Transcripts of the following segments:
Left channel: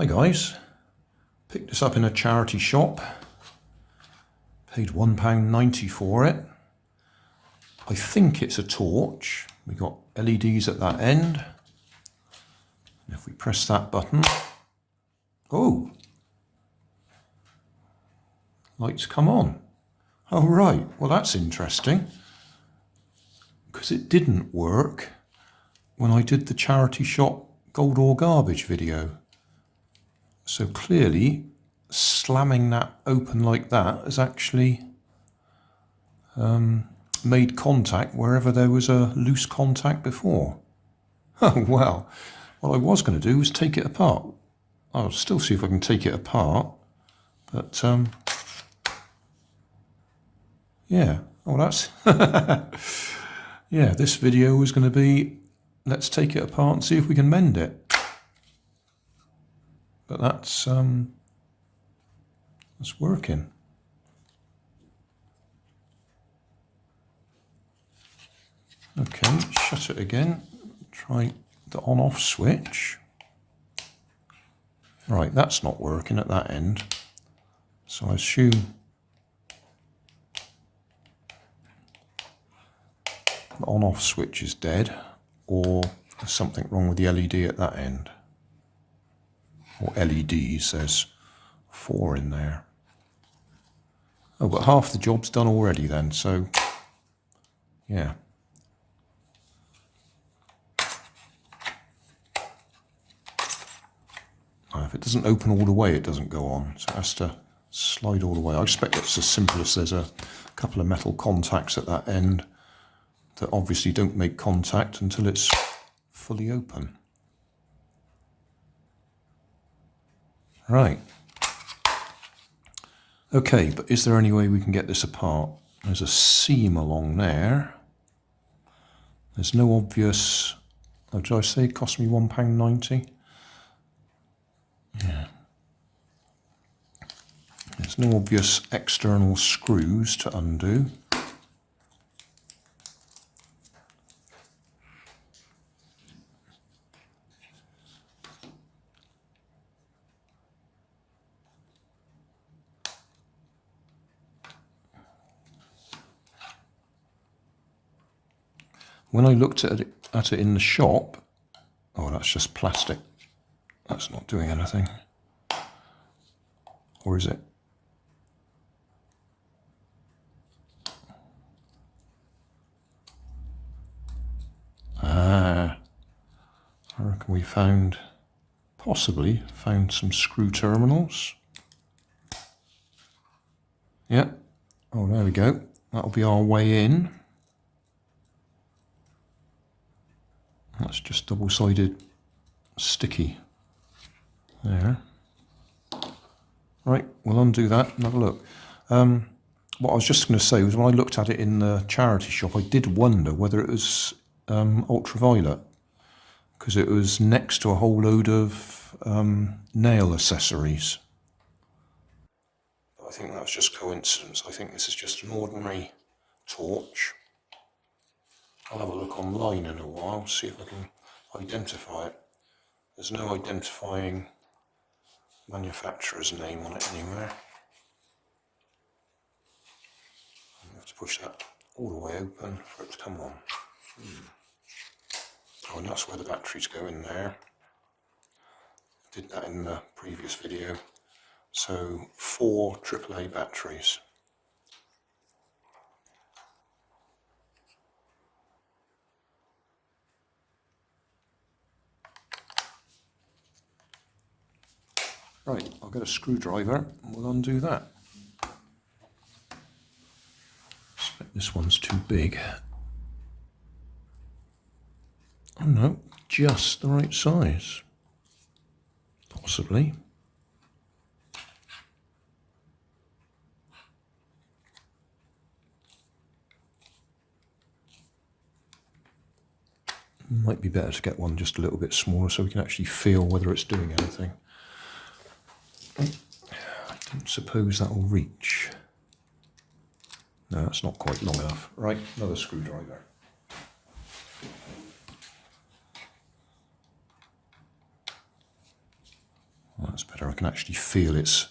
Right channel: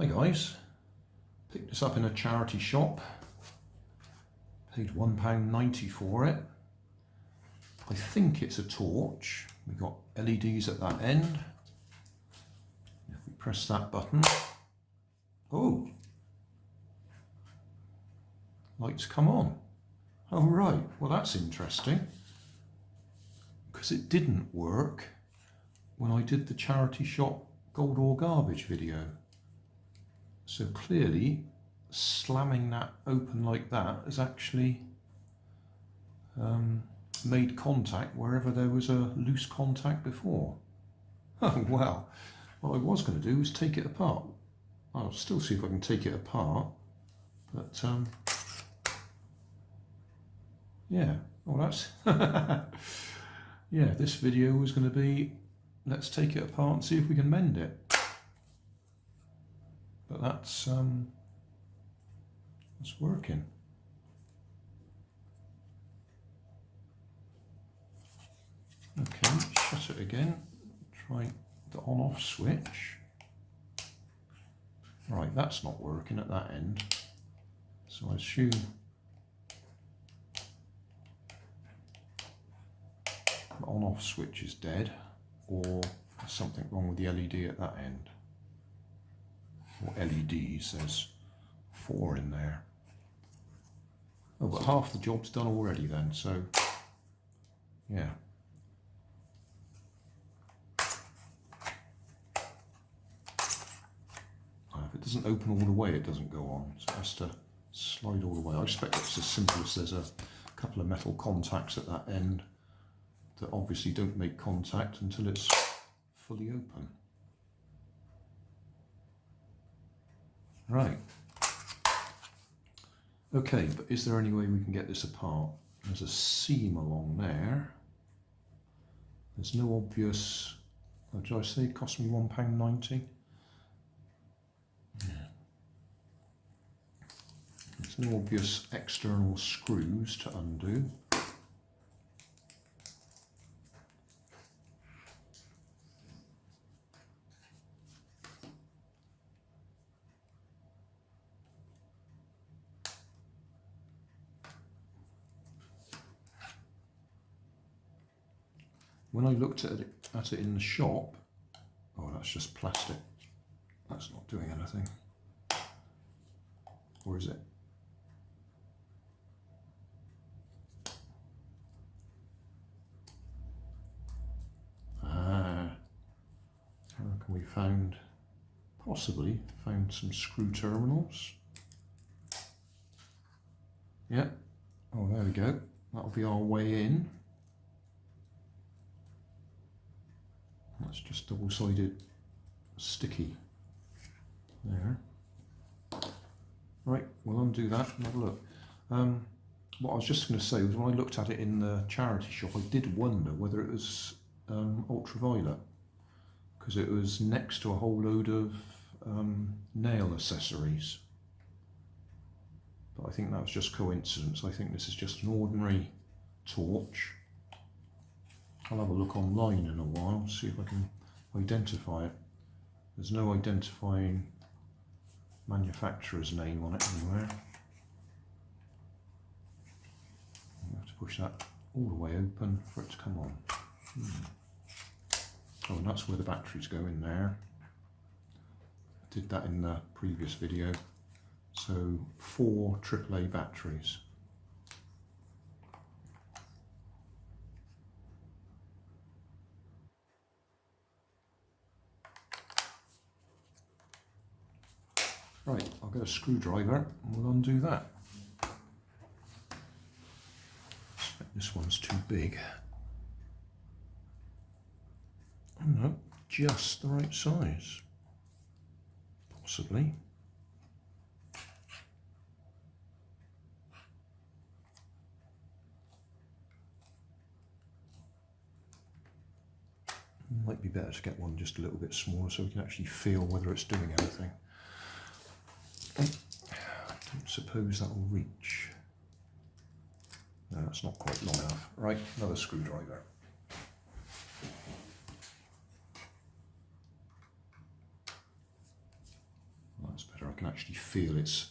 Hi guys, picked this up in a charity shop, paid £1.90 for it. I think it's a torch. We've got LEDs at that end. And if we press that button, oh, lights come on. Oh right, well that's interesting, because it didn't work when I did the charity shop gold or garbage video. So clearly slamming that open like that has actually made contact wherever there was a loose contact before. Oh well, what I was going to do was take it apart. I'll still see if I can take it apart, but yeah, oh that's yeah, this video was going to be let's take it apart and see if we can mend it. But that's working. Okay, shut it again. Try the on-off switch. Right, that's not working at that end. So I assume the on-off switch is dead, or there's something wrong with the LED at that end. Or LEDs, there's 4 in there. Oh, but half the job's done already then, so yeah. If it doesn't open all the way, it doesn't go on, so it has to slide all the way. I expect it's as simple as there's a couple of metal contacts at that end that obviously don't make contact until it's fully open. Right. Okay, but is there any way we can get this apart? There's a seam along there. There's no obvious... Oh, did I say it cost me £1.90? Yeah. There's no obvious external screws to undo. When I looked at it in the shop, oh, that's just plastic. That's not doing anything. Or is it? Ah, I reckon we possibly found some screw terminals. Yeah. Oh, there we go. That'll be our way in. That's just double-sided sticky there. Right, we'll undo that and have a look. What I was just going to say was when I looked at it in the charity shop, I did wonder whether it was ultraviolet, because it was next to a whole load of nail accessories. But I think that was just coincidence. I think this is just an ordinary torch. I'll have a look online in a while, see if I can identify it. There's no identifying manufacturer's name on it anywhere. You have to push that all the way open for it to come on. Oh, and that's where the batteries go in there. I did that in the previous video. So 4 AAA batteries. Right, I'll get a screwdriver and we'll undo that. This one's too big. Oh no, just the right size. Possibly. Might be better to get one just a little bit smaller so we can actually feel whether it's doing anything. I don't suppose that will reach. No, that's not quite long enough. Right, another screwdriver. Well, that's better. I can actually feel it's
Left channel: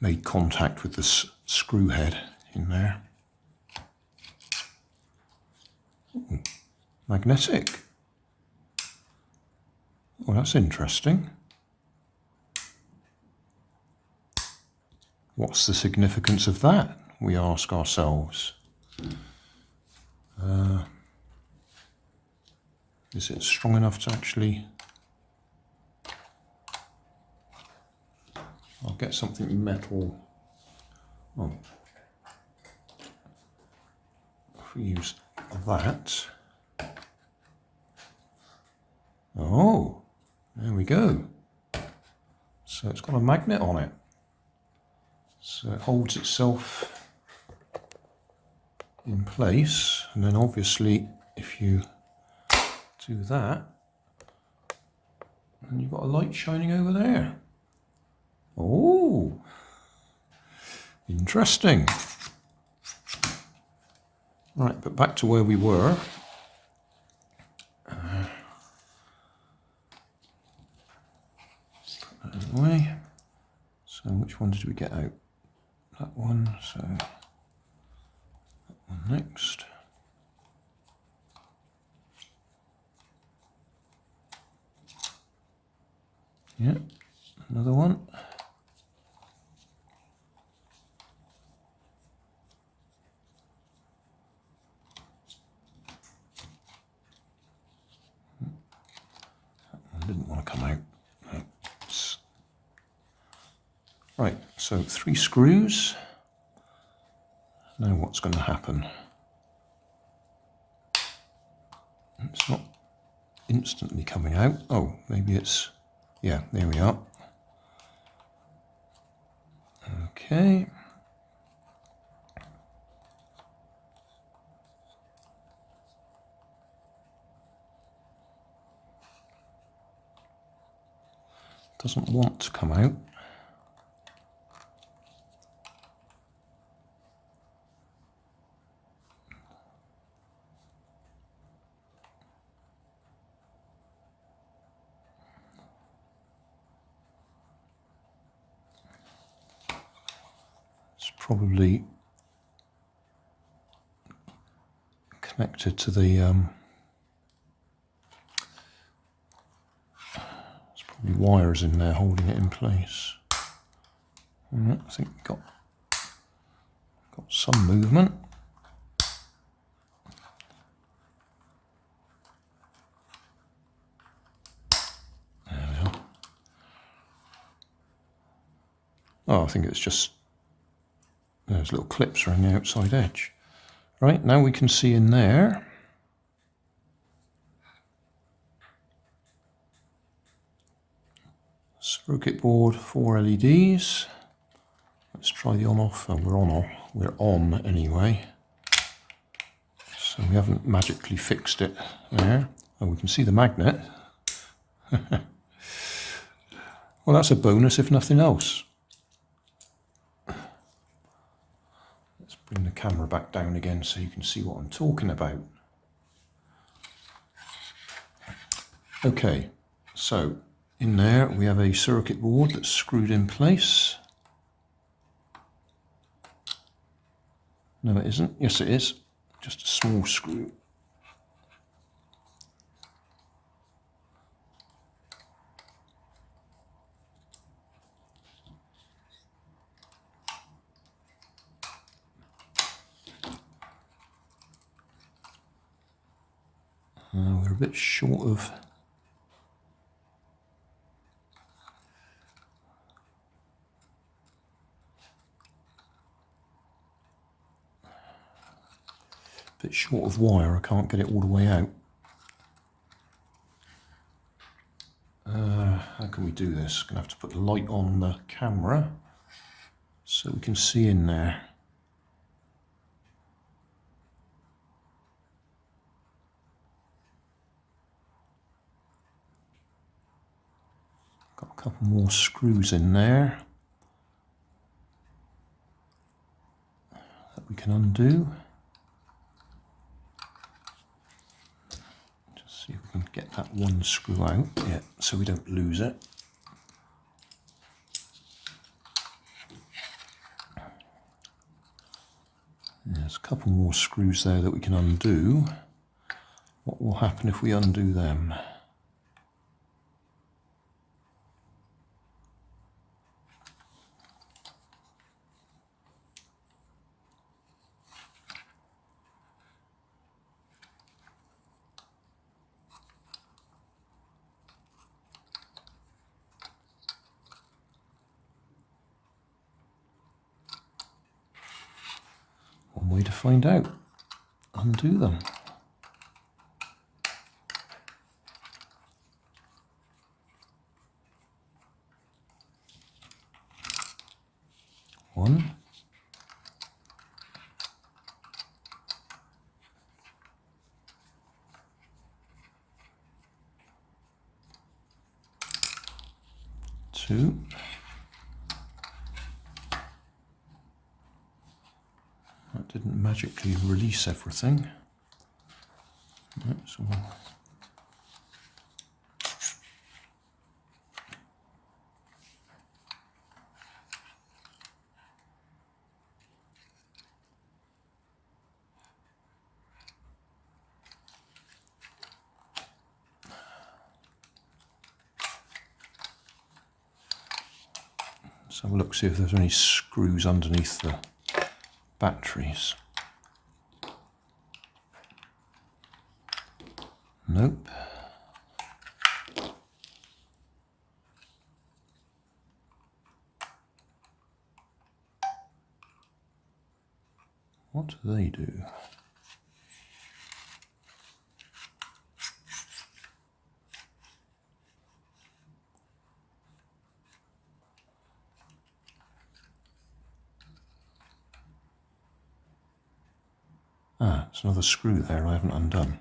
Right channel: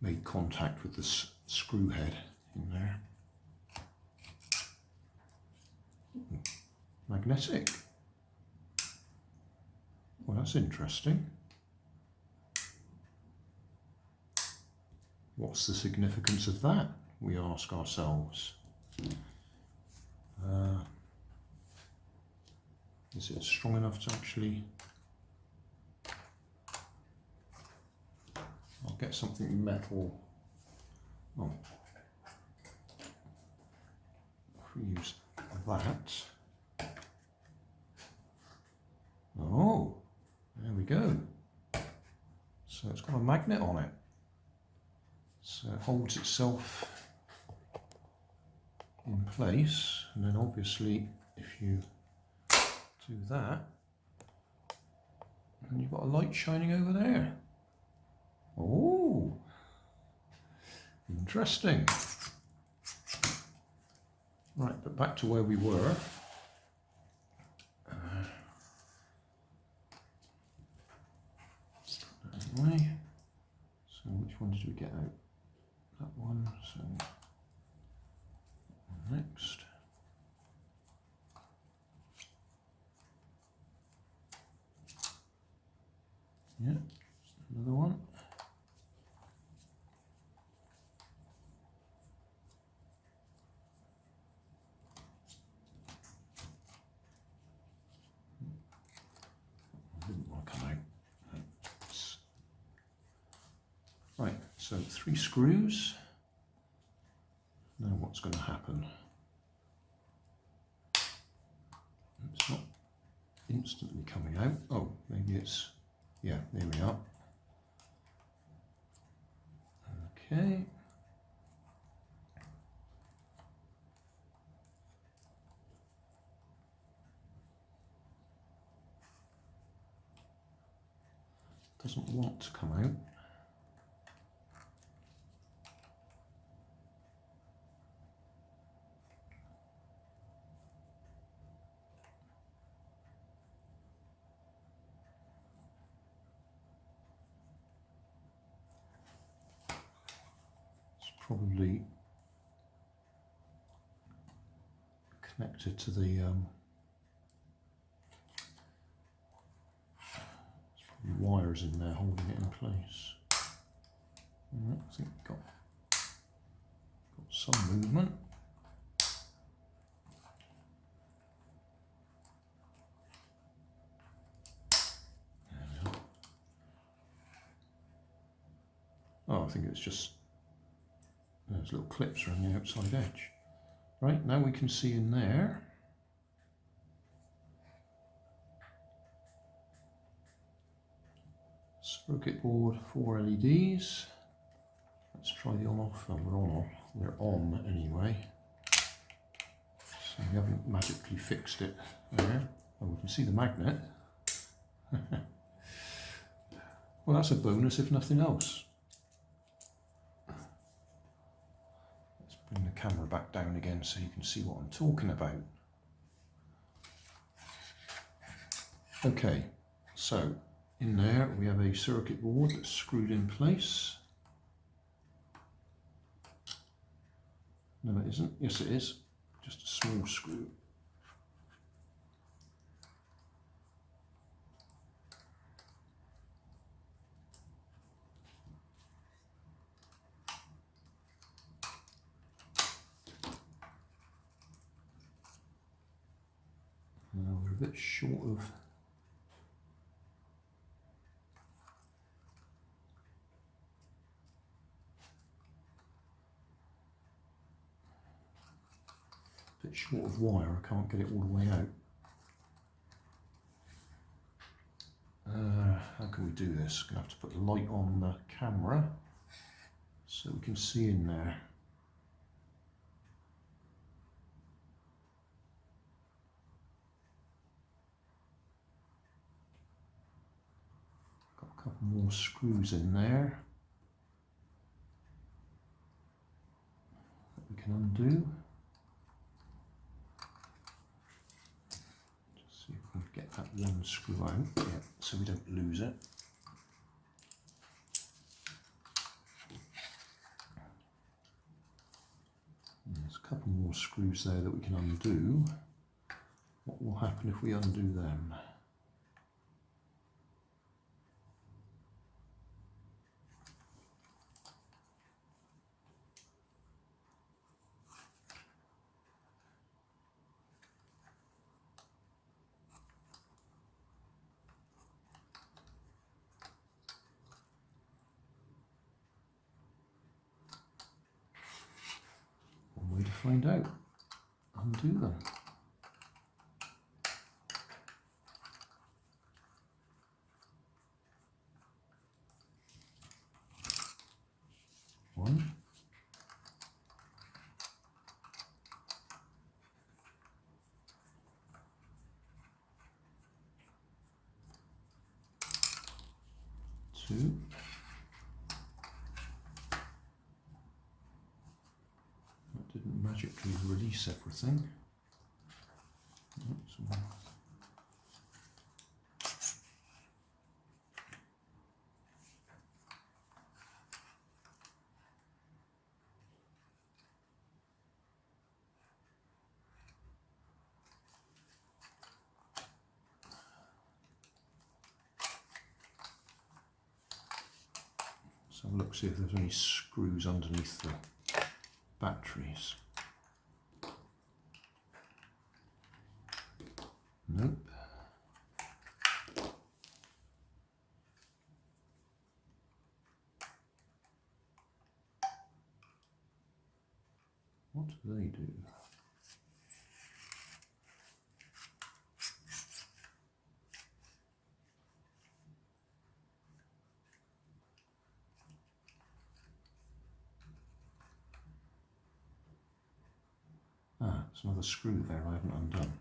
made contact with the screw head in there. Ooh, magnetic. Well, that's interesting. What's the significance of that, we ask ourselves. Is it strong enough to actually... I'll get something metal. Oh. If we use that. Oh, there we go. So it's got a magnet on it. So it holds itself in place, and then obviously if you do that, and you've got a light shining over there. Oh, interesting. Right, but back to where we were. Put that away. So which one did we get out? That one, so that one next. Yeah, another one. Didn't want to come out. No. Right, so 3 screws. Now what's going to happen? It's not instantly coming out. Oh, maybe it's... Yeah, there we are. Okay. Doesn't want to come out. It's probably connected to the wires in there holding it in place. I think we've got some movement. There we are. Oh, I think it's just those little clips around the outside edge. Right, now we can see in there. Circuit board, 4 LEDs. Let's try the on-off. Oh, we're on anyway. So we haven't magically fixed it there. Oh, we can see the magnet. Well, that's a bonus if nothing else. Let's bring the camera back down again so you can see what I'm talking about. Okay, so in there we have a circuit board that's screwed in place. No, it isn't. Yes, it is. Just a small screw. We're a bit short of wire. I can't get it all the way out. How can we do this? Gonna have to put the light on the camera so we can see in there. Got a couple more screws in there that we can undo. Just see if we can get that one screw out, yeah, so we don't lose it. a couple more screws there that we can undo. What will happen if we undo them? One way to find out. Undo them. One. Two. That didn't magically release everything. That's all. Let's have a look, see if there's any screws underneath the batteries. Nope. What do they do? Ah, there's another screw there I haven't undone.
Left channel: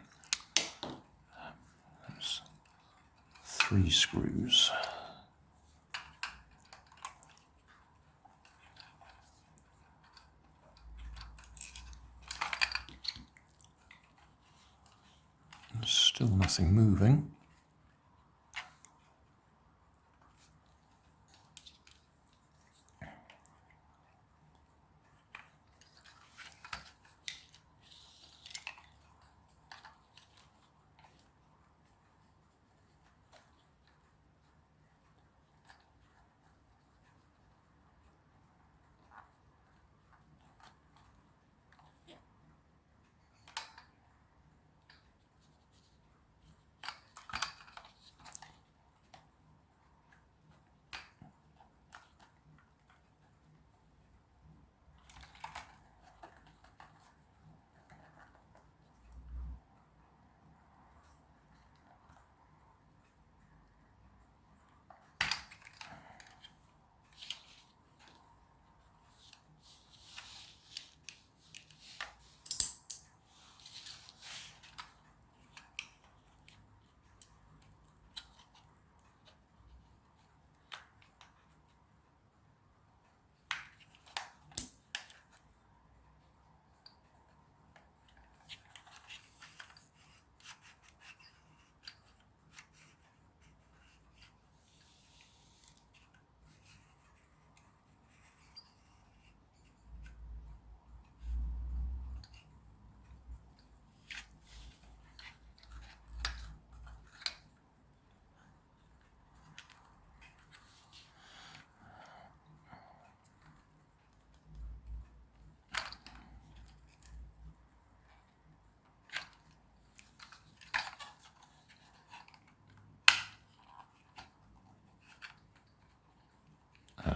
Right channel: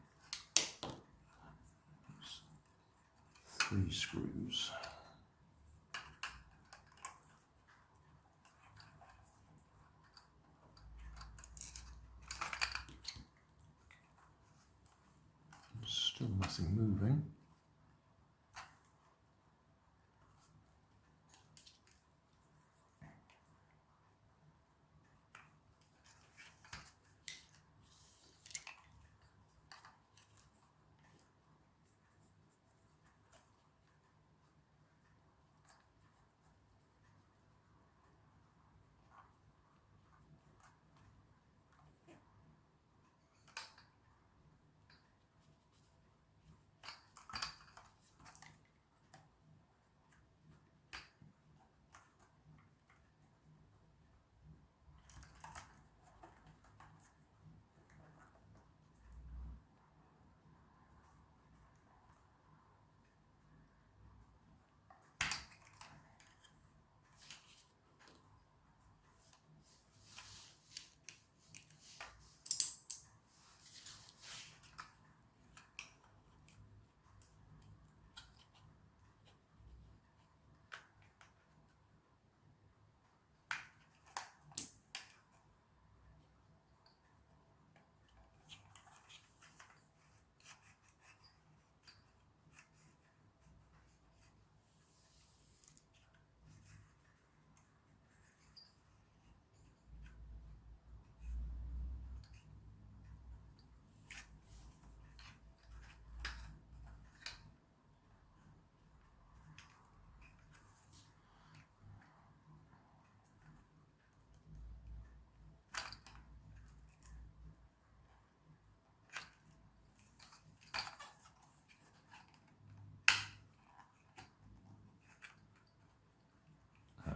That's 3 screws. There's still nothing moving.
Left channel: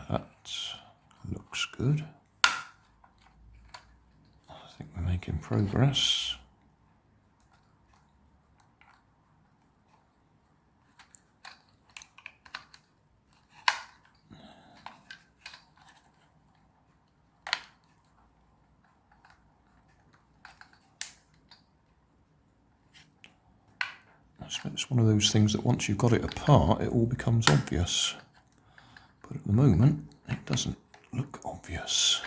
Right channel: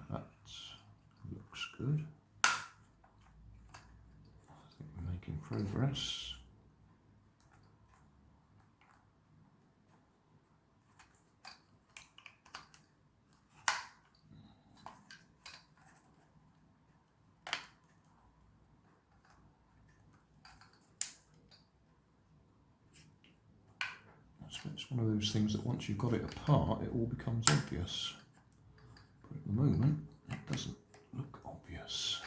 That looks good. I think we're making progress. It's one of those things that once you've got it apart, it all becomes obvious. But at the moment, it doesn't look obvious.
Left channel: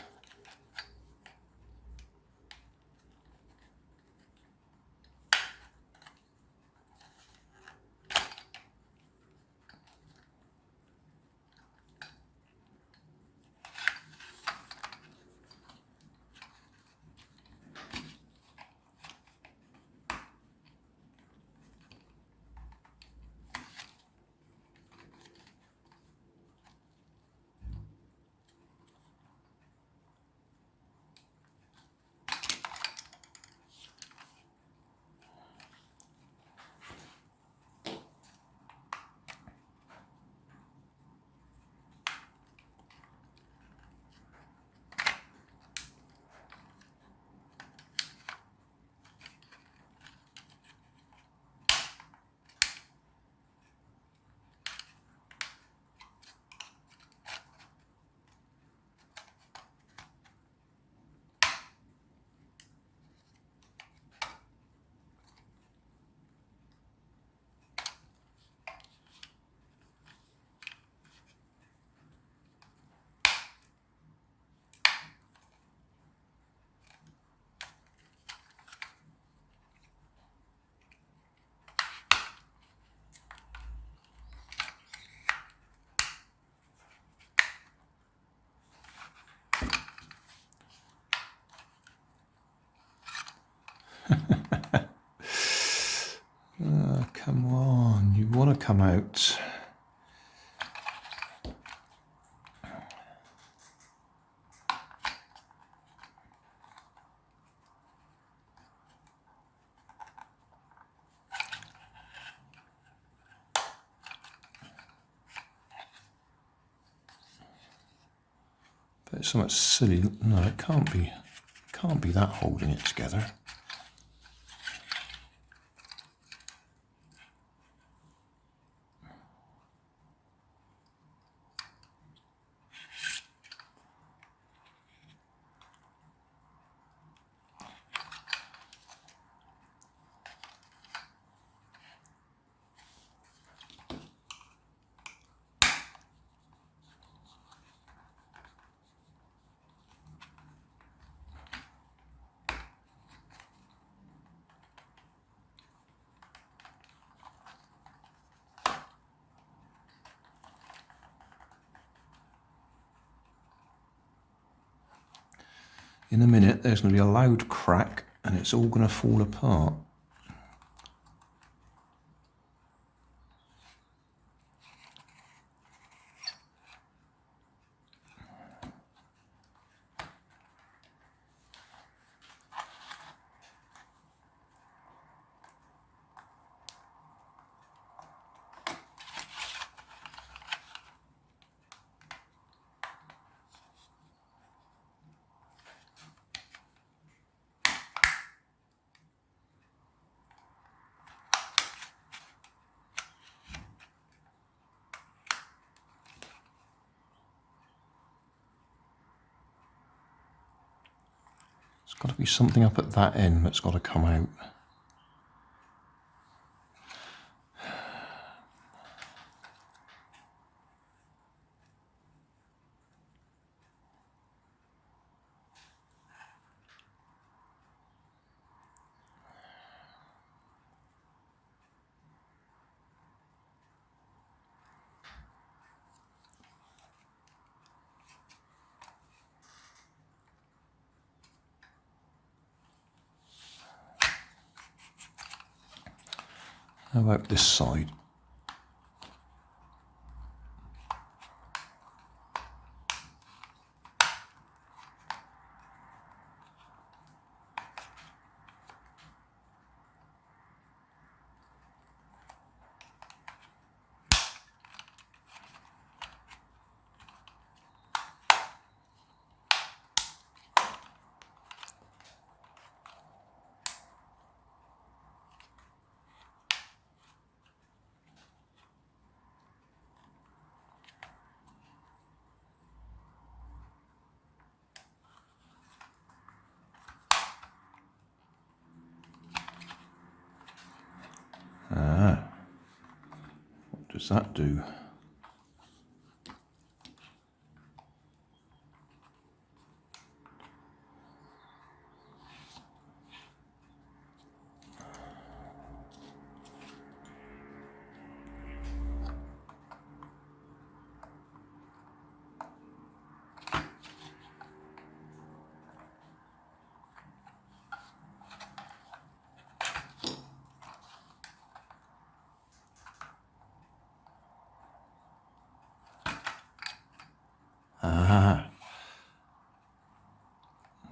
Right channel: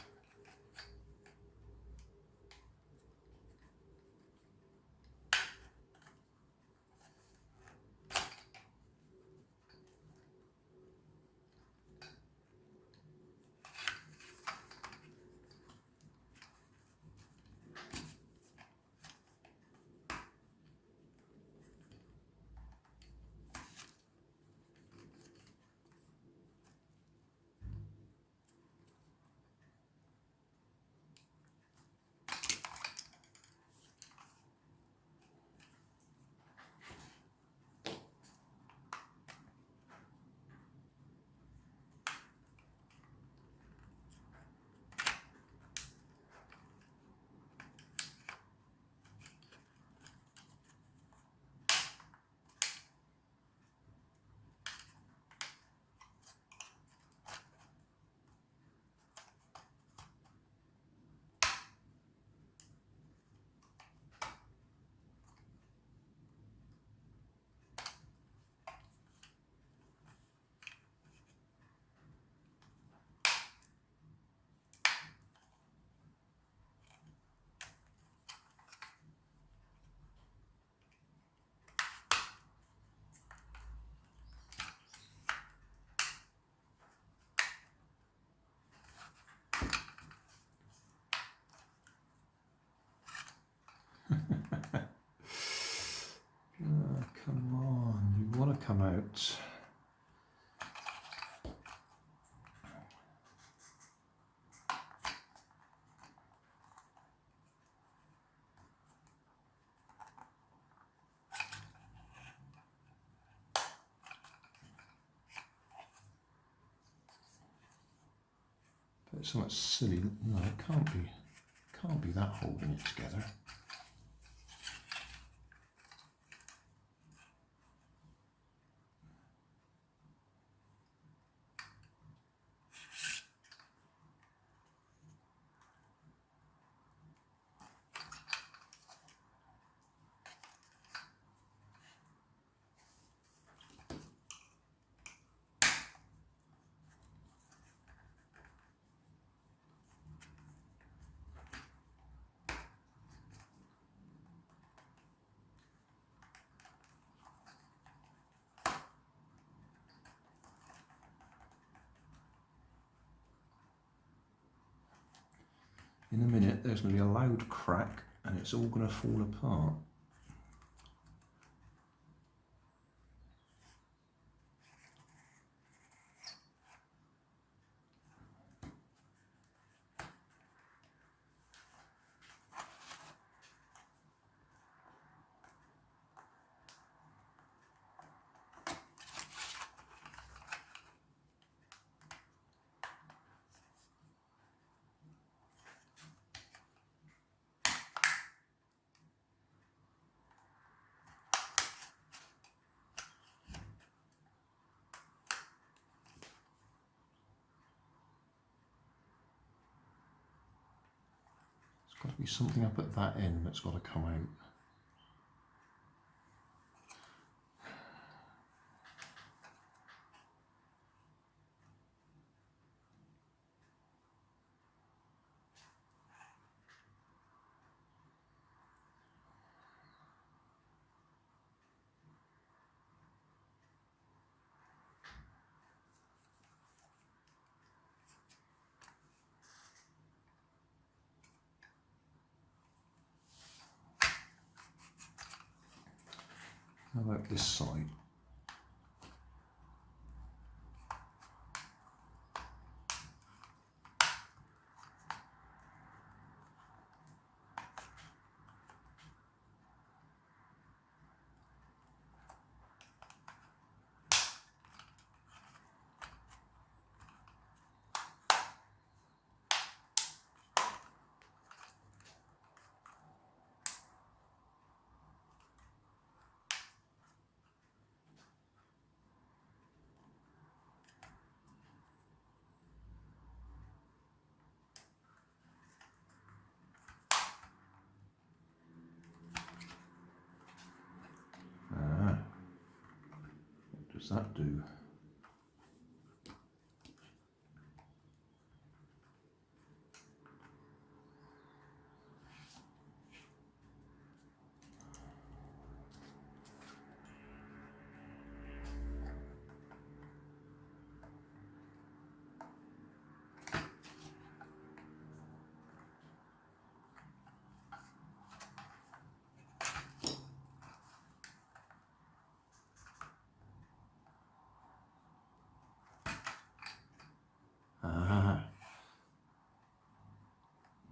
come out. But it's somewhat silly. No, it can't be. Can't be that holding it together. In a minute, there's going to be a loud crack and it's all going to fall apart. There's got to be something up at that end that's got to come out. How about this side? What does that do?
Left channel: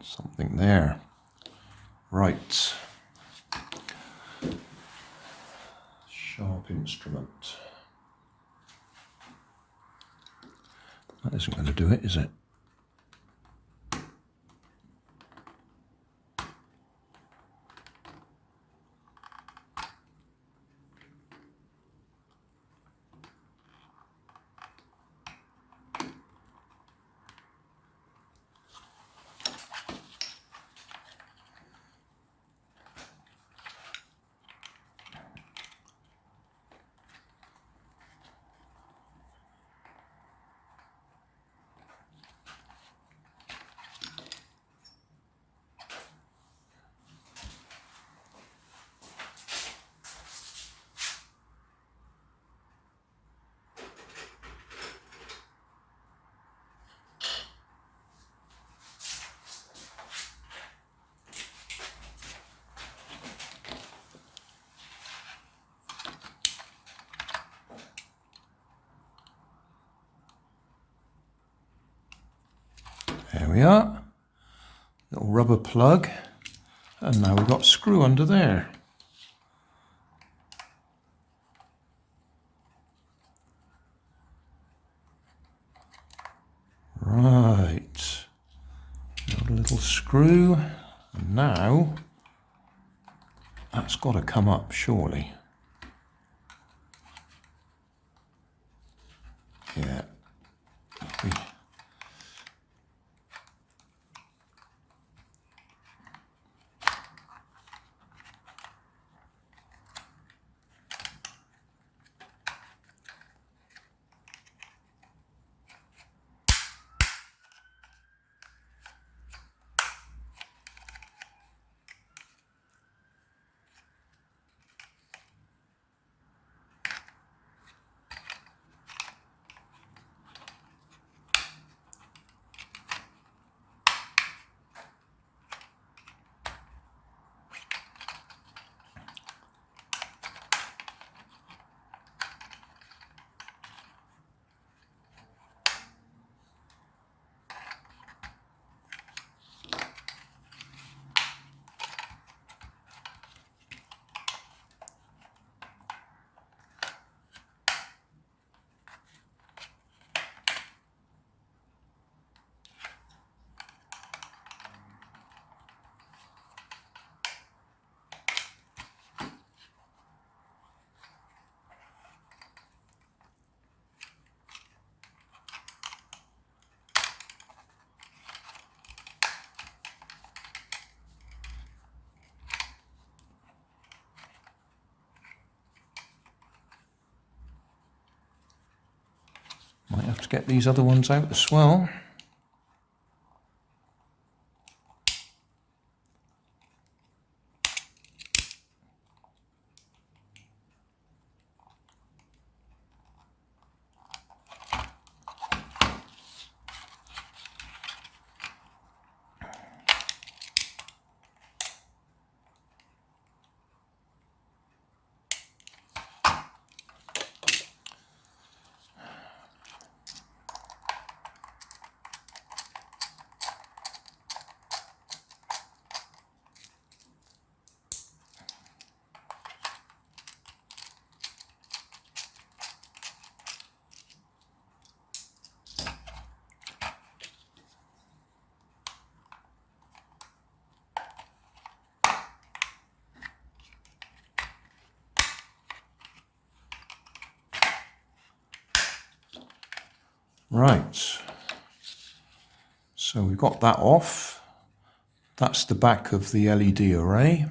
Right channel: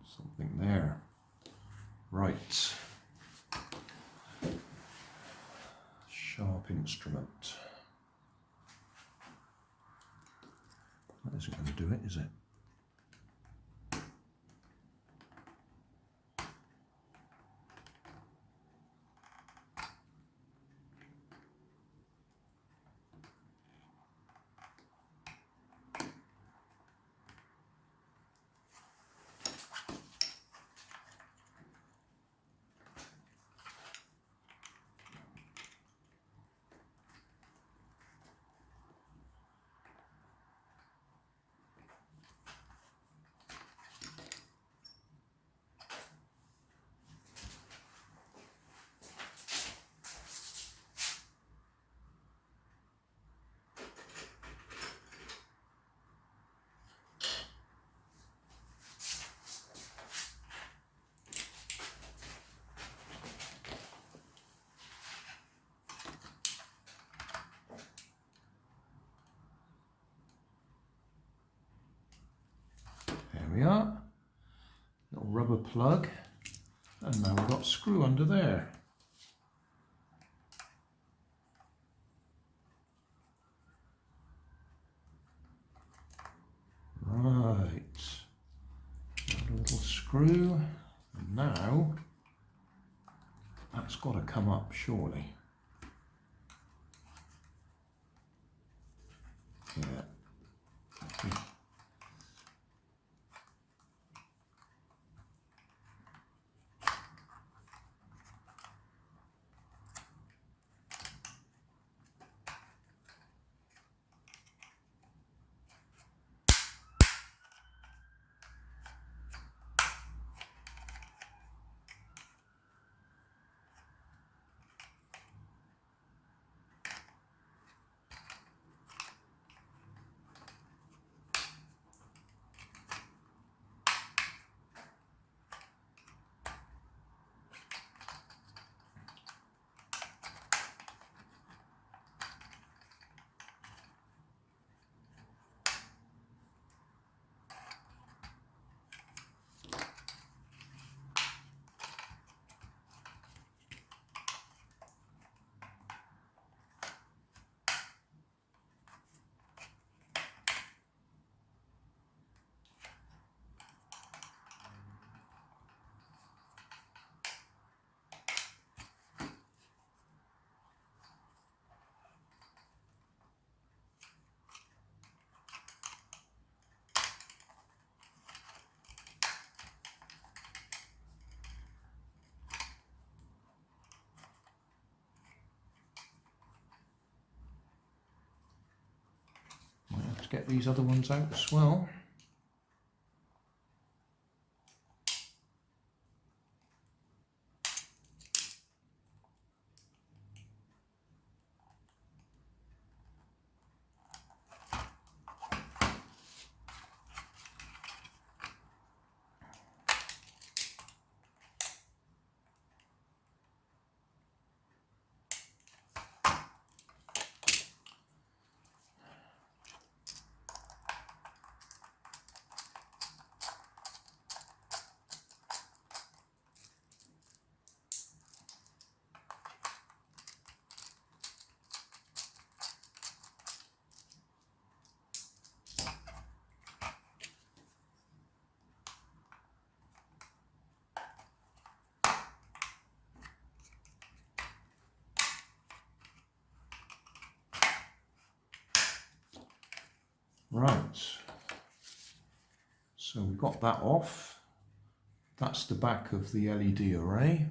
Something there. Right. Sharp instrument. That isn't going to do it, is it? we are. Little rubber plug. And now we've got a screw under there. Right. Got a little screw. And now that's got to come up, surely. Yeah. Might have to get these other ones out as well. Right, so we've got that off. That's the back of the LED array.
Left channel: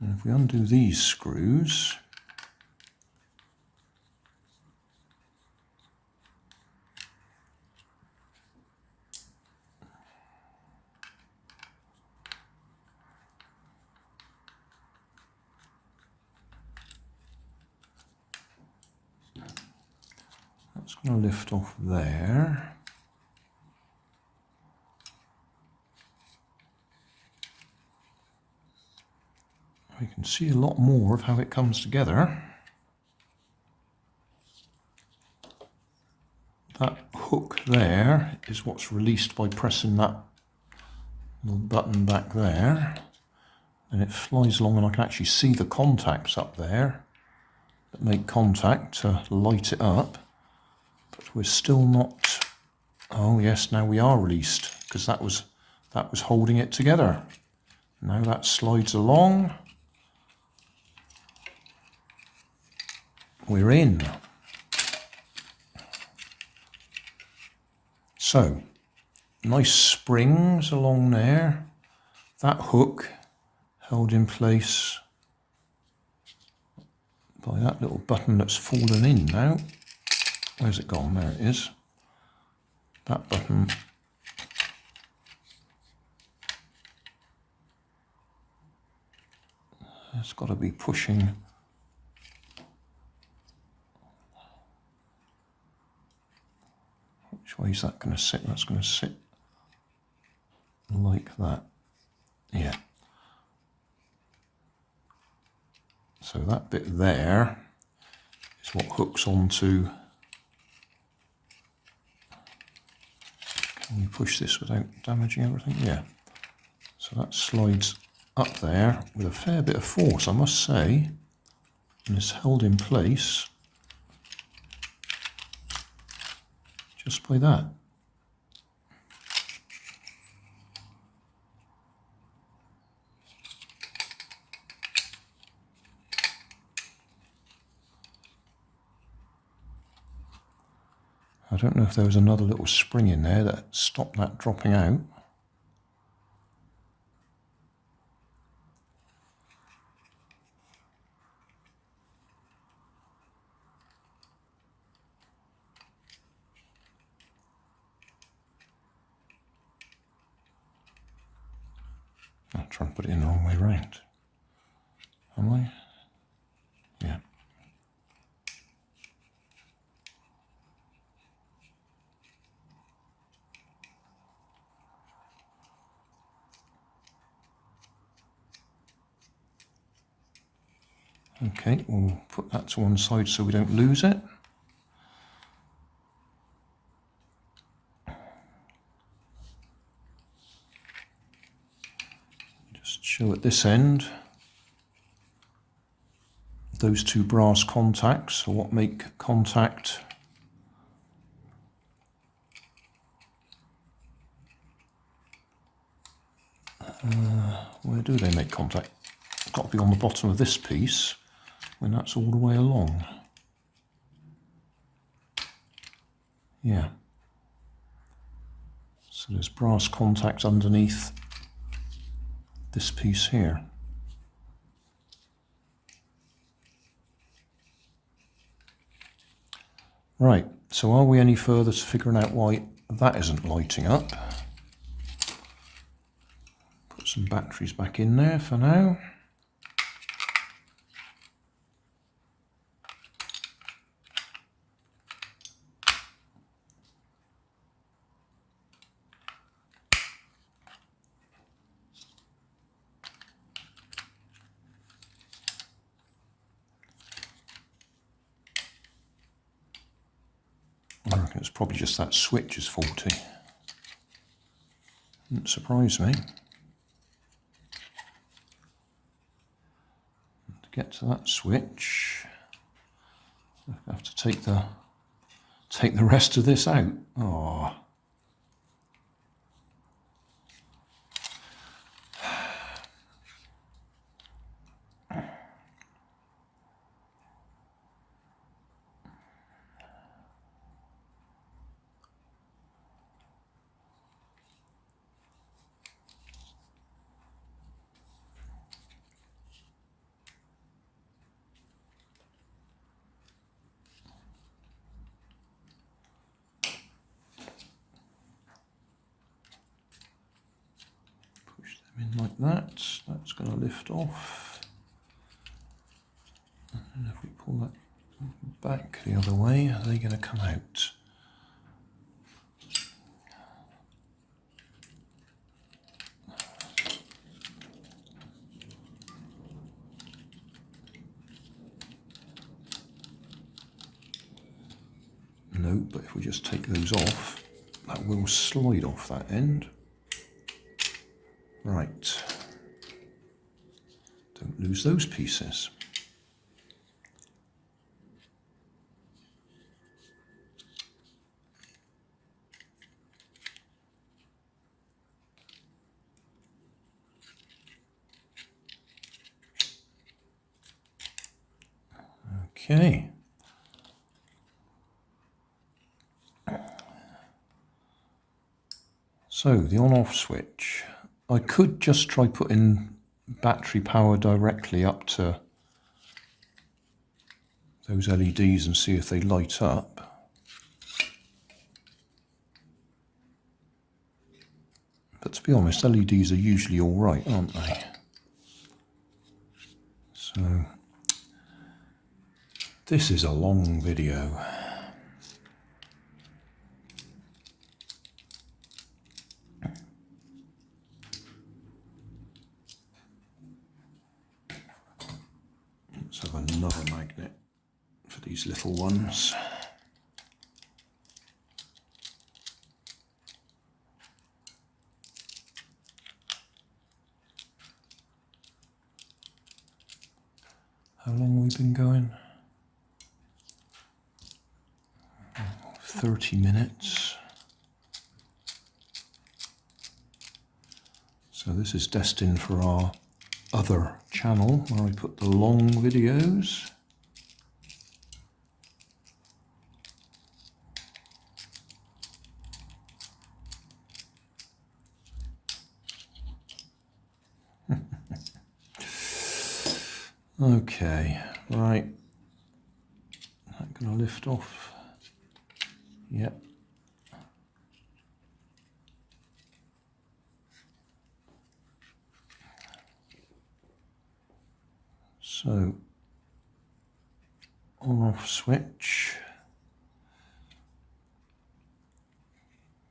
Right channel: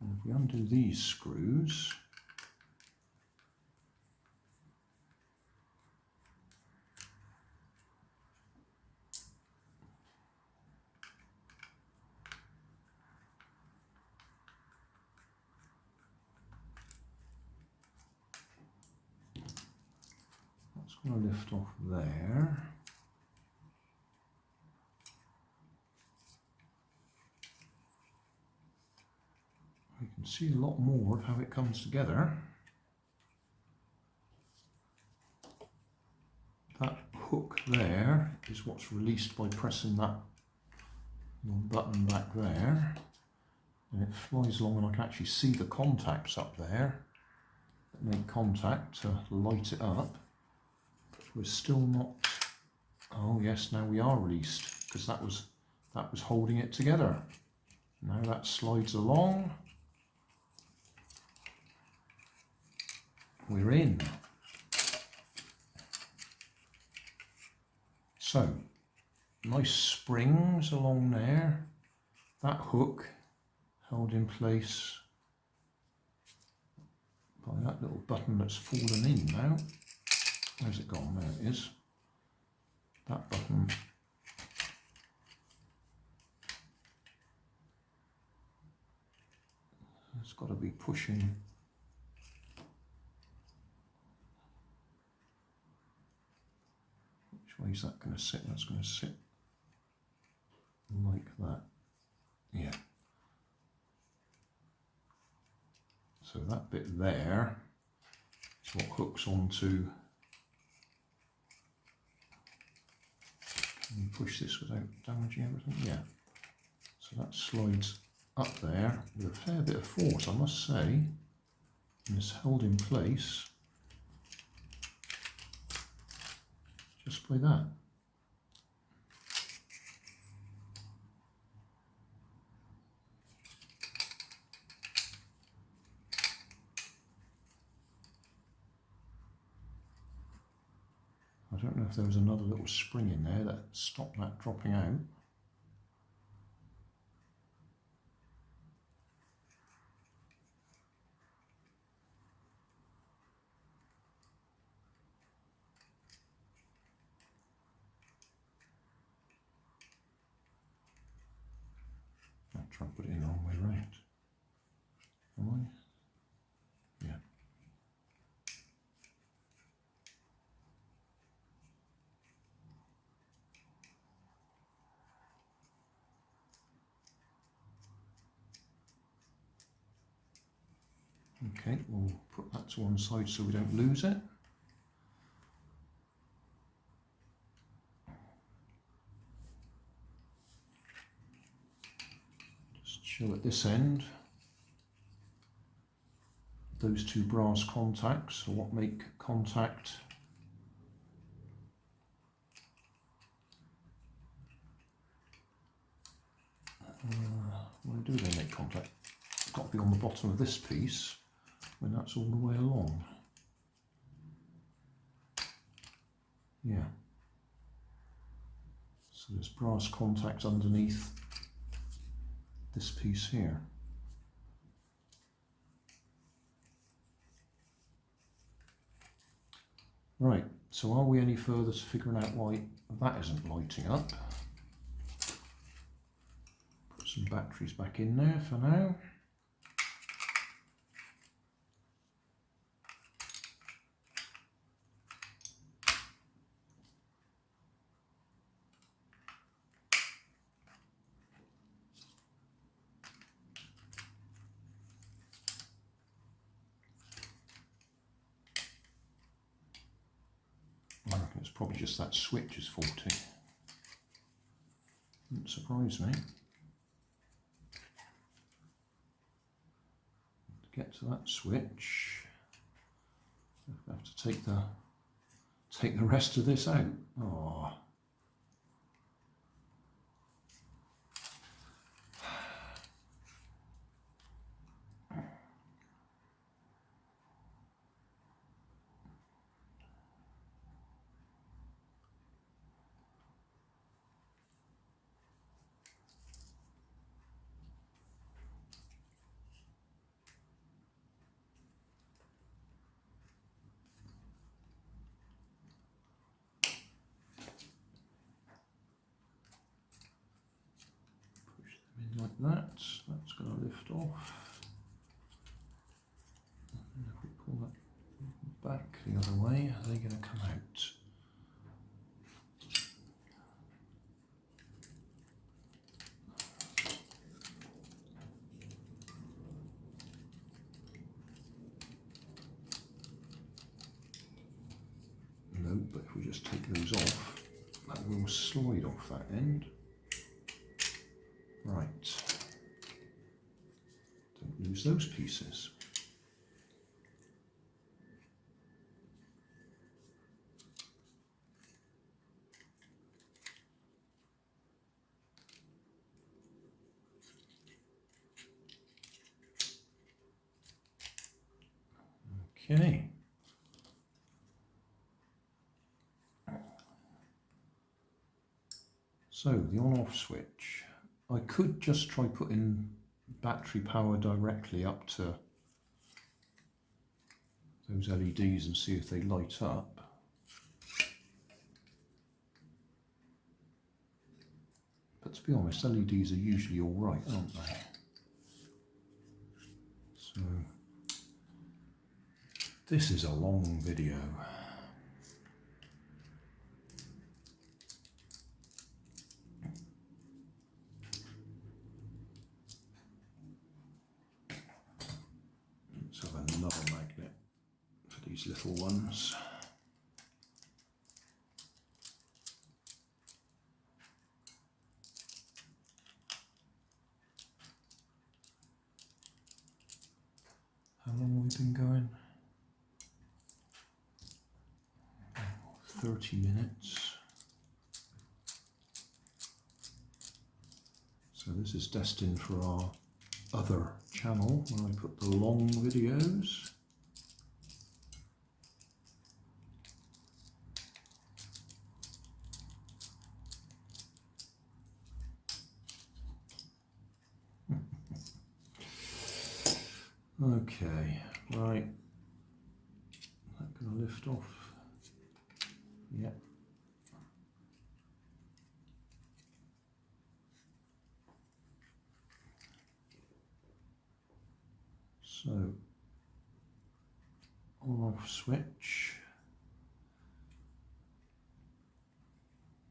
And if we undo these screws, that's going to lift off there. We can see a lot more of how it comes together. That hook there is what's released by pressing that little button back there. And it flies along, and I can actually see the contacts up there that make contact to light it up. But we're still not... Oh yes, now we are released, because that was holding it together. Now that slides along. We're in. So, nice springs along there. That hook held in place by that little button that's fallen in now. Where's it gone? There it is. That button. It's got to be pushing. Which way is that going to sit? That's going to sit like that. Yeah. So that bit there is what hooks onto. Can we push this without damaging everything? Yeah. So that slides up there with a fair bit of force, I must say, and it's held in place just by that. I don't know if there was another little spring in there that stopped that dropping out. I'll try and put it in the wrong way round. Am I? Yeah. Okay, we'll put that to one side so we don't lose it. Just show at this end. Those two brass contacts are what make contact. Where do they make contact? It's got to be on the bottom of this piece when that's all the way along. Yeah. So there's brass contacts underneath this piece here. Right, so are we any further to figuring out why that isn't lighting up? Put some batteries back in there for now. I reckon it's probably just that switch is faulty. Wouldn't surprise me. To get to that switch, I have to take the rest of this out. Oh. Like that's going to lift off, and if we pull that back the other way, are they going to come out? No, but if we just take those off, that will slide off that end. Right, don't lose those pieces. Okay. So the on-off switch. I could just try putting battery power directly up to those LEDs and see if they light up. But to be honest, LEDs are usually all right, aren't they? So this is a long video. Let's have another magnet for these little ones. we've been going? 30 minutes. So this is destined for our other channel where I put the long videos. Okay, right. Not going to lift off. Yep. So, on-off switch.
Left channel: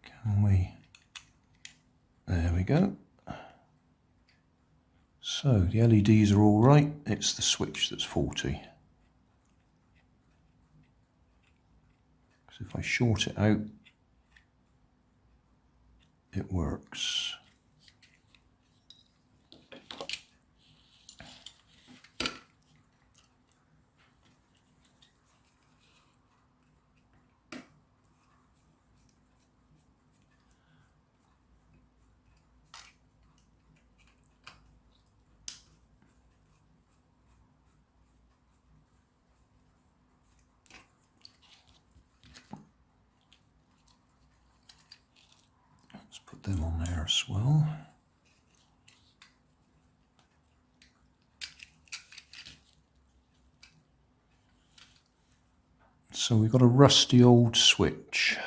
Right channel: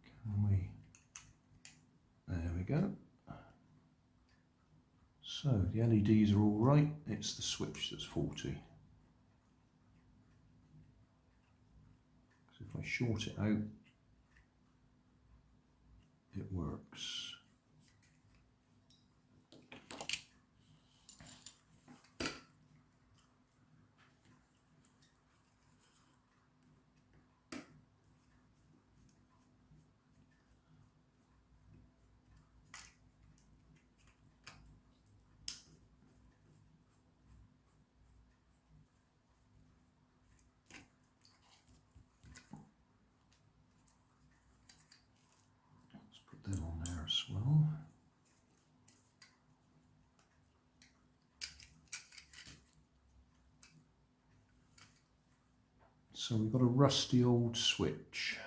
Can we? There we go. So the LEDs are all right, it's the switch that's faulty. Because if I short it out, it works. Put them on there as well. So we've got a rusty old switch.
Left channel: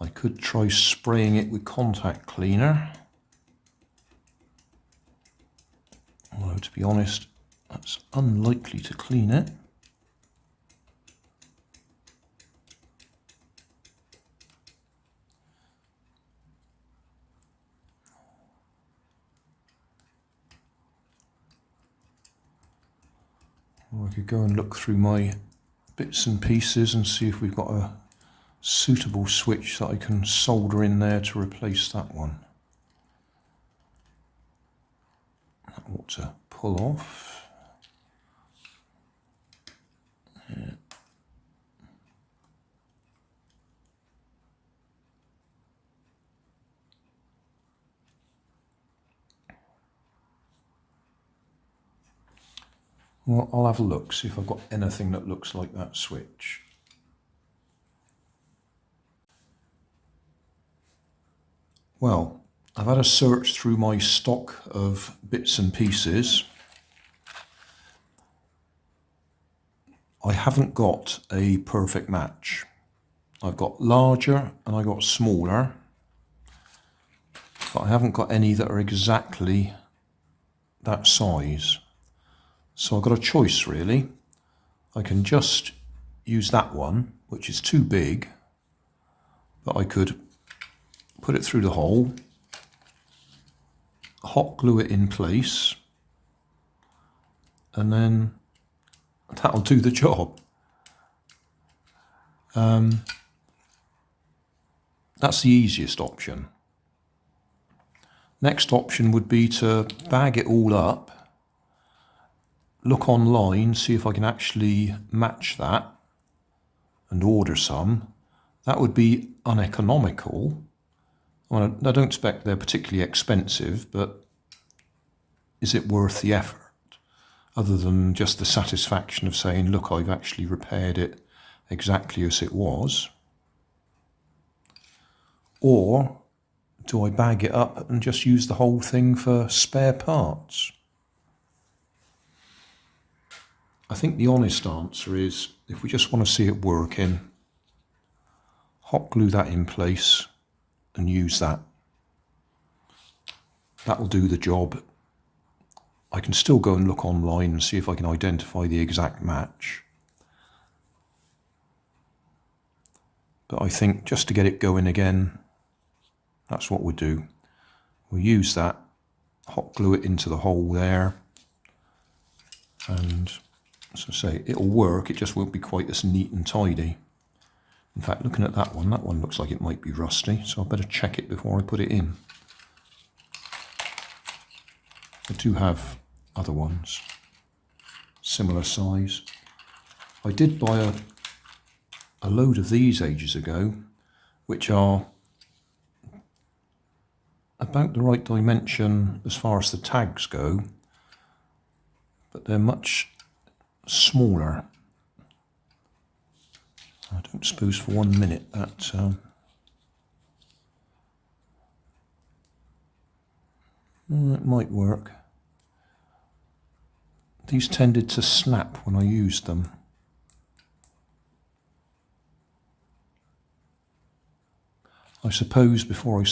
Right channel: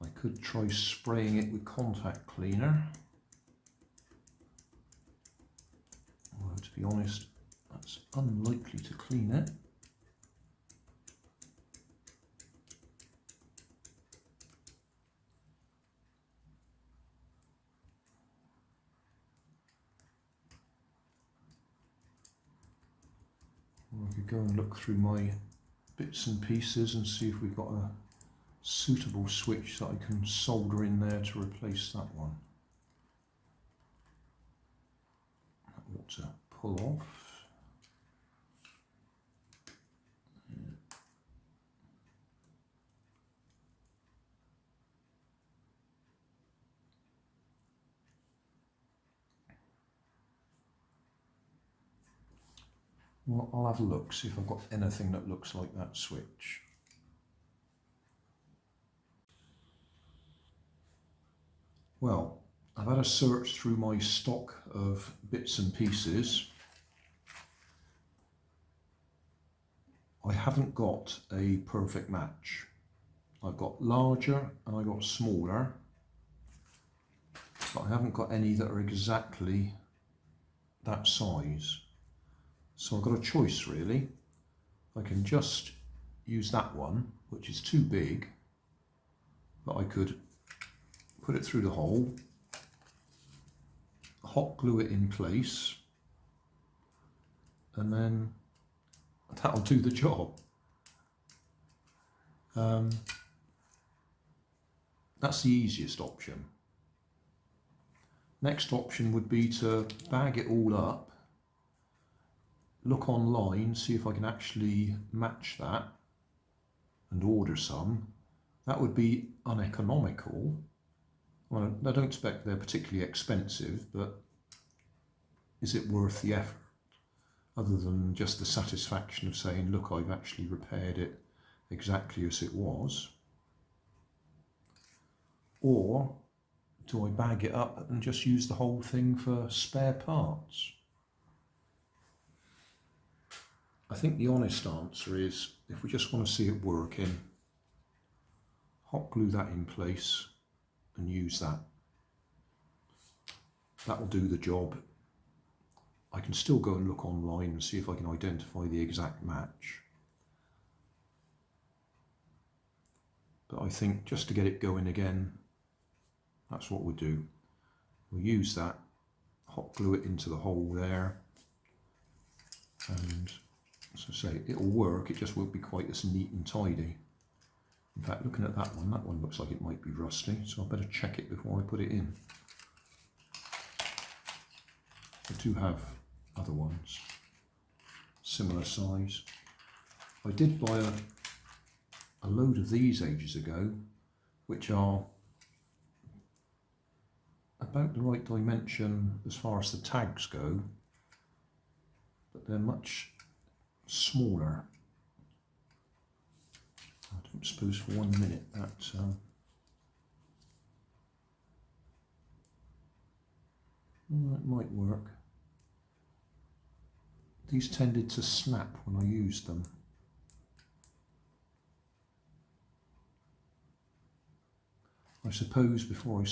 I could try spraying it with contact cleaner. Although, to be honest, that's unlikely to clean it. Or I could go and look through my bits and pieces and see if we've got a suitable switch that I can solder in there to replace that one. That ought to pull off. Yeah. Well, I'll have a look, see if I've got anything that looks like that switch. Well, I've had a search through my stock of bits and pieces. I haven't got a perfect match. I've got larger and I got smaller, but I haven't got any that are exactly that size. So I've got a choice really. I can just use that one, which is too big, but I could put it through the hole, hot glue it in place, and then that'll do the job. That's the easiest option. Next option would be to bag it all up, look online, see if I can actually match that and order some. That would be uneconomical. Well, I don't expect they're particularly expensive, but is it worth the effort? Other than just the satisfaction of saying, look, I've actually repaired it exactly as it was. Or do I bag it up and just use the whole thing for spare parts? I think the honest answer is, if we just want to see it working, hot glue that in place and use that. That will do the job. I can still go and look online and see if I can identify the exact match. But I think just to get it going again, that's what we'll do. We'll use that, hot glue it into the hole there, and as I say, it'll work, it just won't be quite as neat and tidy. In fact, looking at that one looks like it might be rusty, so I better check it before I put it in. I do have other ones, similar size. I did buy a load of these ages ago, which are about the right dimension as far as the tags go, but they're much smaller. I don't suppose for 1 minute that it might work. These tended to snap when I used them. I suppose before I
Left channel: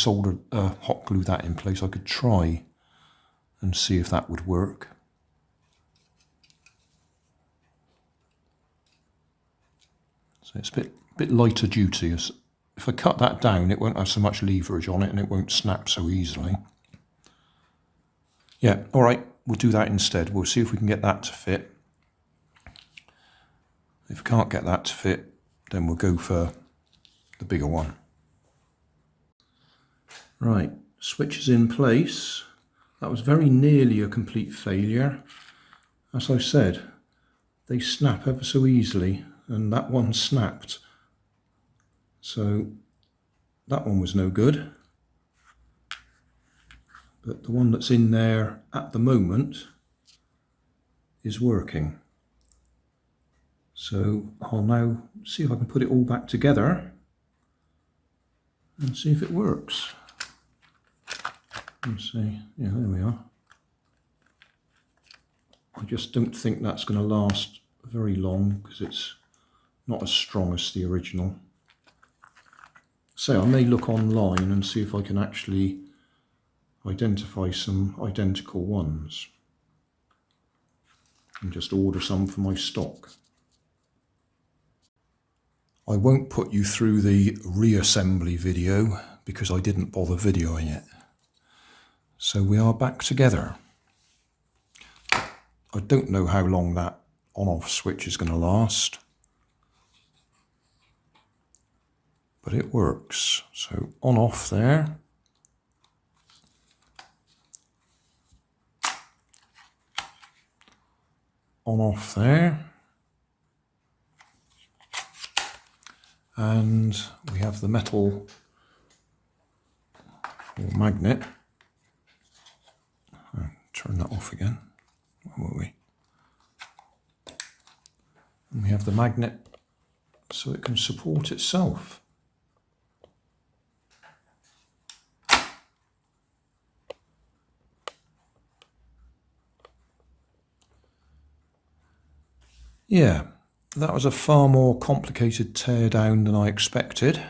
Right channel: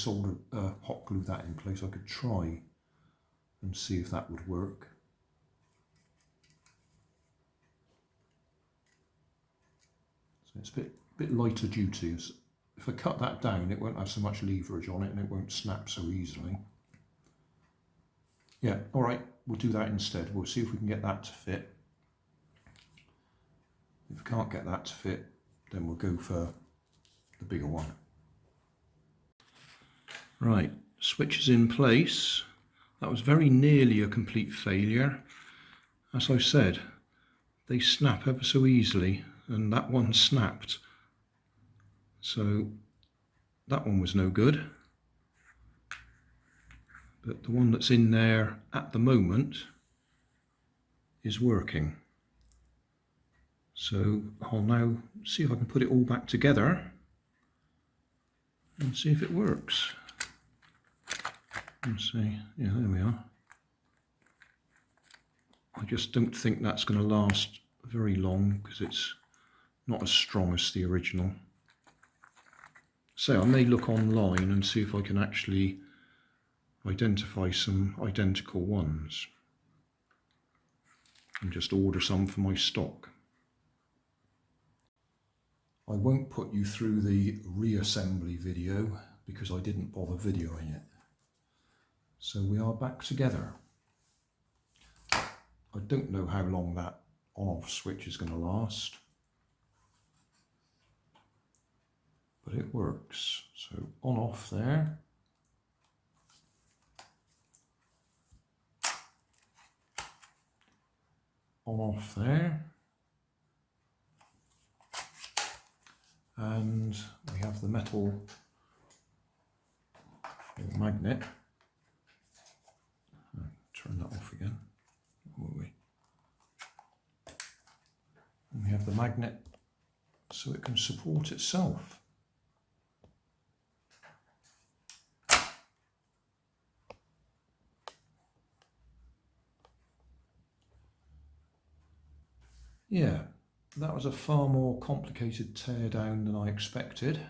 hot glue that in place, I could try and see if that would work. So it's a bit lighter duty. If I cut that down, it won't have so much leverage on it and it won't snap so easily. Yeah, all right, we'll do that instead. We'll see if we can get that to fit. If we can't get that to fit, then we'll go for the bigger one. Right, switch is in place. That was very nearly a complete failure. As I said, they snap ever so easily, and that one snapped. So that one was no good. But the one that's in there at the moment is working. So I'll now see if I can put it all back together and see if it works. Let's see, yeah, there we are. I just don't think that's going to last very long because it's not as strong as the original. So I may look online and see if I can actually identify some identical ones and just order some for my stock. I won't put you through the reassembly video because I didn't bother videoing it. So we are back together. I don't know how long that on-off switch is going to last, but it works. So on-off there. On-off there. And we have the metal or magnet. Turn that off again. Where were we? And we have the magnet so it can support itself. Yeah, that was a far more complicated teardown than I expected.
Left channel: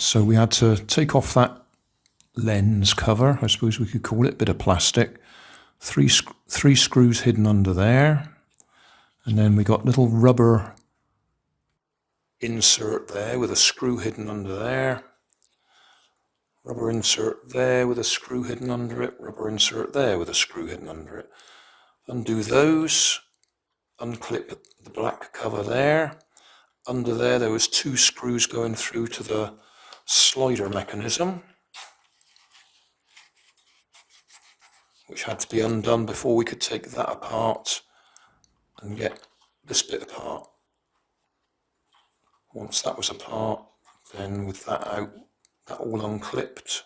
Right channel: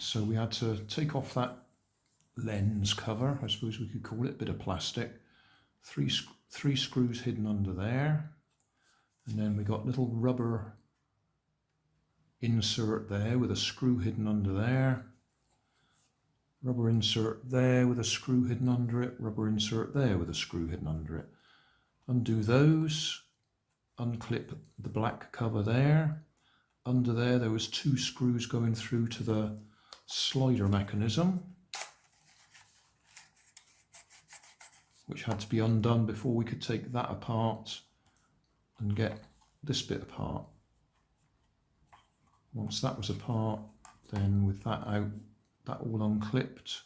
So we had to take off that lens cover, I suppose we could call it, bit of plastic. Three screws hidden under there. And then we got little rubber insert there with a screw hidden under there. Rubber insert there with a screw hidden under it. Rubber insert there with a screw hidden under it. Undo those. Unclip the black cover there. Under there was 2 screws going through to the slider mechanism, which had to be undone before we could take that apart and get this bit apart. Once that was apart, then with that out, that all unclipped.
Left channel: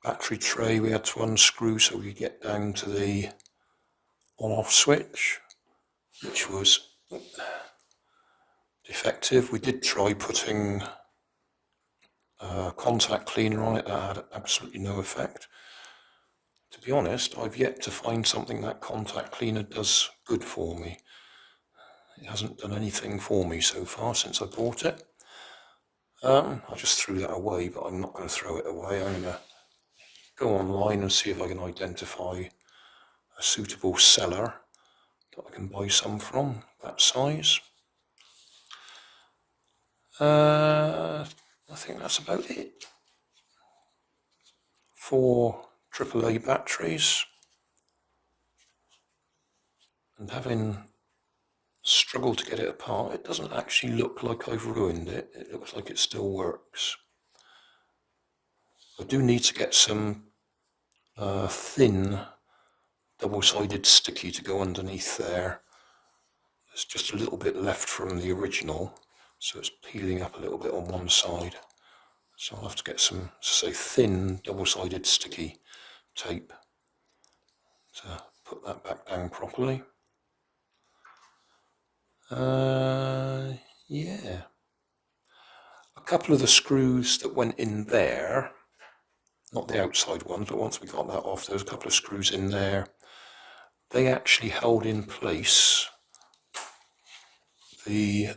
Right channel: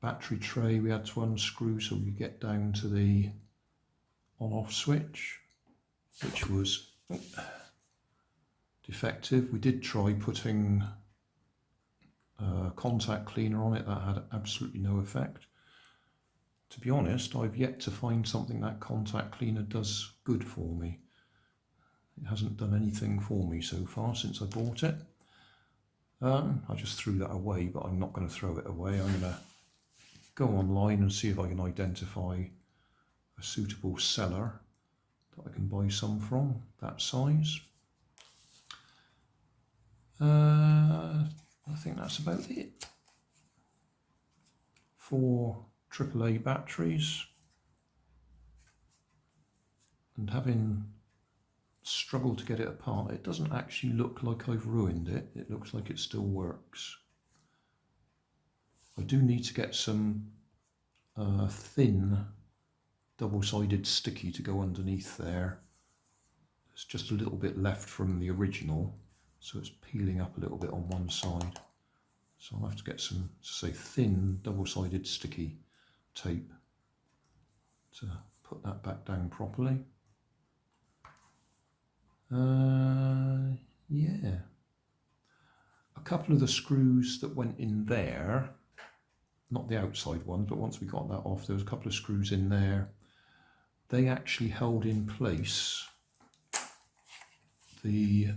Battery tray we had to unscrew so we could get down to the on-off switch, which was defective. We did try putting contact cleaner on it. That had absolutely no effect. To be honest, I've yet to find something that contact cleaner does good for me. It hasn't done anything for me so far since I bought it. I just threw that away, but I'm not going to throw it away. I'm going to go online and see if I can identify a suitable seller that I can buy some from, that size. I think that's about it. 4 AAA batteries, and having struggled to get it apart, it doesn't actually look like I've ruined it. It looks like it still works. I do need to get some thin double-sided sticky to go underneath there. There's just a little bit left from the original, so it's peeling up a little bit on one side. So I'll have to get some, say, thin double-sided sticky tape to put that back down properly. Yeah. A couple of the screws that went in there, not the outside ones, but once we got that off, there was a couple of screws in there. They actually held in place the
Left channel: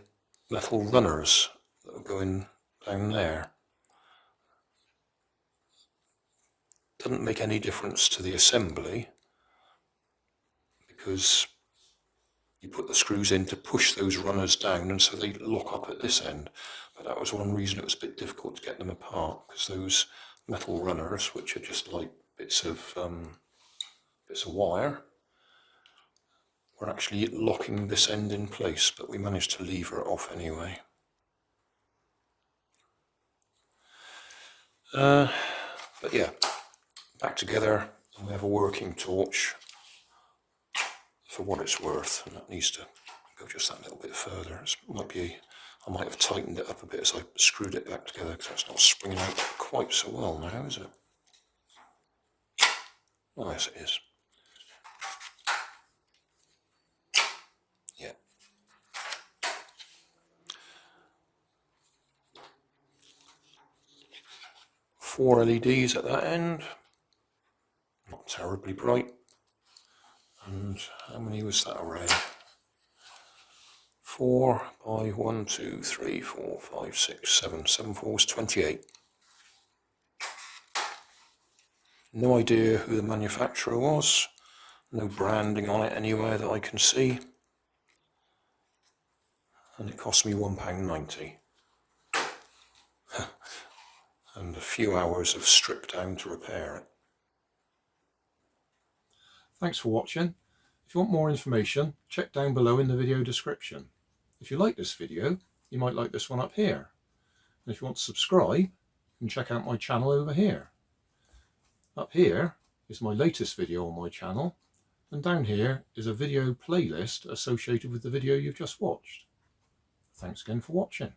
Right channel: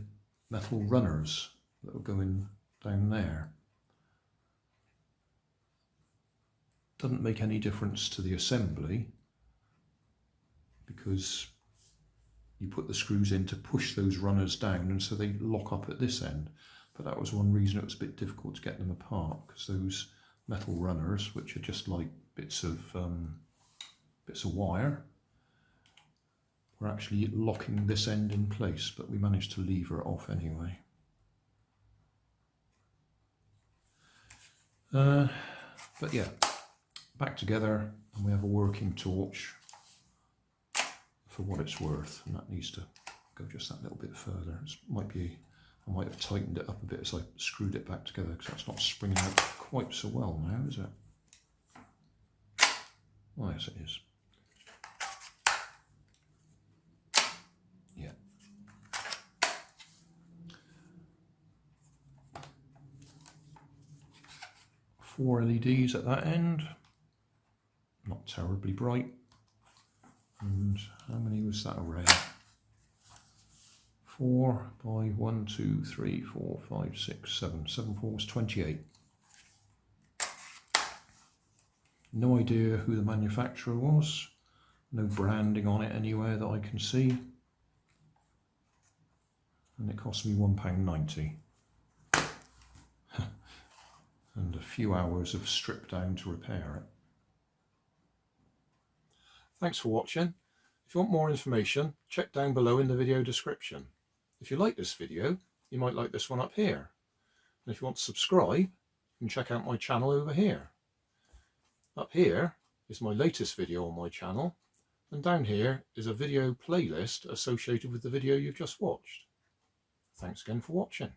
metal runners that were going down there. Doesn't make any difference to the assembly because you put the screws in to push those runners down, and so they lock up at this end. But that was one reason it was a bit difficult to get them apart, because those metal runners, which are just like bits of wire, were actually locking this end in place, but we managed to lever it off anyway. But yeah, back together, and we have a working torch for what it's worth, and that needs to go just that little bit further. I might have tightened it up a bit as I screwed it back together, because it's not springing out quite so well now, is it? Oh yes, it is. Yeah. Four LEDs at that end, not terribly bright. And how many was that array? 4 by 1, 2, 3, 4, 5, 6, 7. 7 4 is 28. No idea who the manufacturer was. No branding on it anywhere that I can see. And it cost me £1.90. And a few hours of strip down to repair it. Thanks for watching. If you want more information, check down below in the video description. If you like this video, you might like this one up here. And if you want to subscribe, you can check out my channel over here. Up here is my latest video on my channel, and down here is a video playlist associated with the video you've just watched. Thanks again for watching.